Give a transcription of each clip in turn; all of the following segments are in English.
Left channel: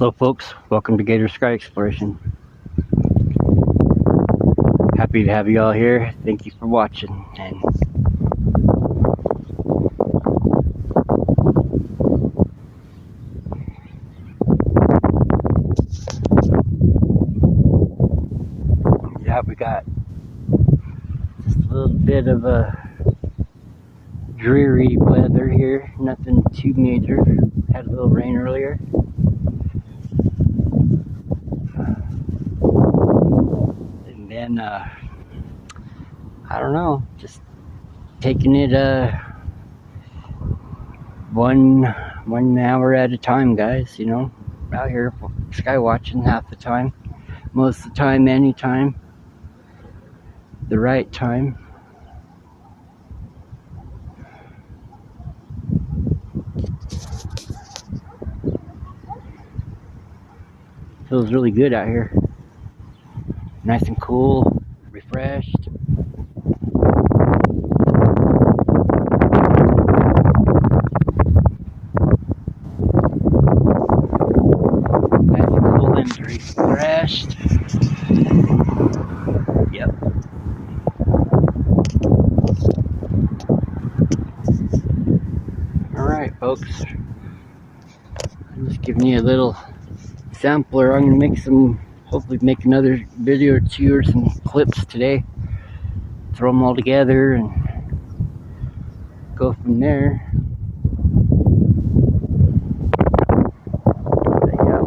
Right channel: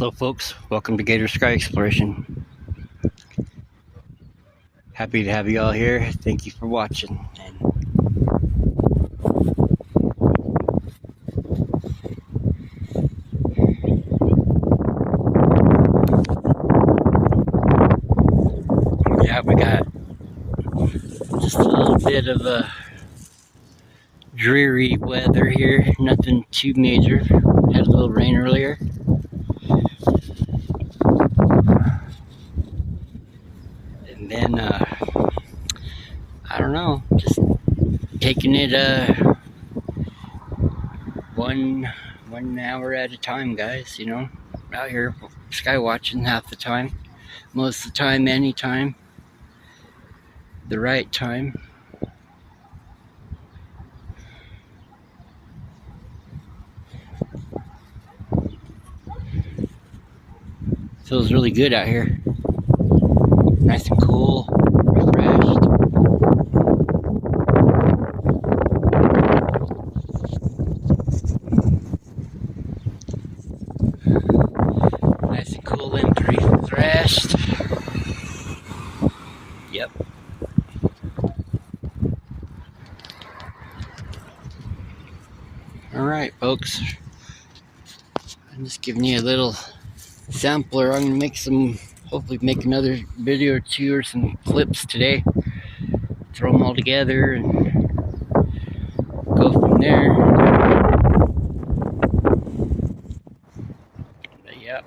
Hello folks, welcome to Gator Sky Exploration. Happy to have you all here. Thank you for watching. And yeah, we got just a little bit of a dreary weather here. Nothing too major. Had a little rain earlier. And then I don't know, just taking it one hour at a time, guys. You know, out here sky watching half the time, most of the time, anytime, the right time. Feels really good out here. Nice and cool, refreshed. Nice and cool and refreshed. Yep. Alright, folks. I'm just giving you a little sampler. I'm going to hopefully make another video or two or some clips today. Throw them all together and go from there. But yeah.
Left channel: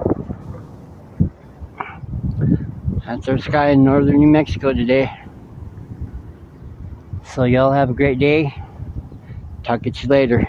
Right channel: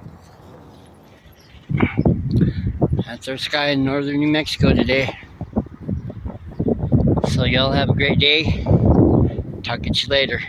That's our sky in northern New Mexico today. So y'all have a great day. Talk to you later.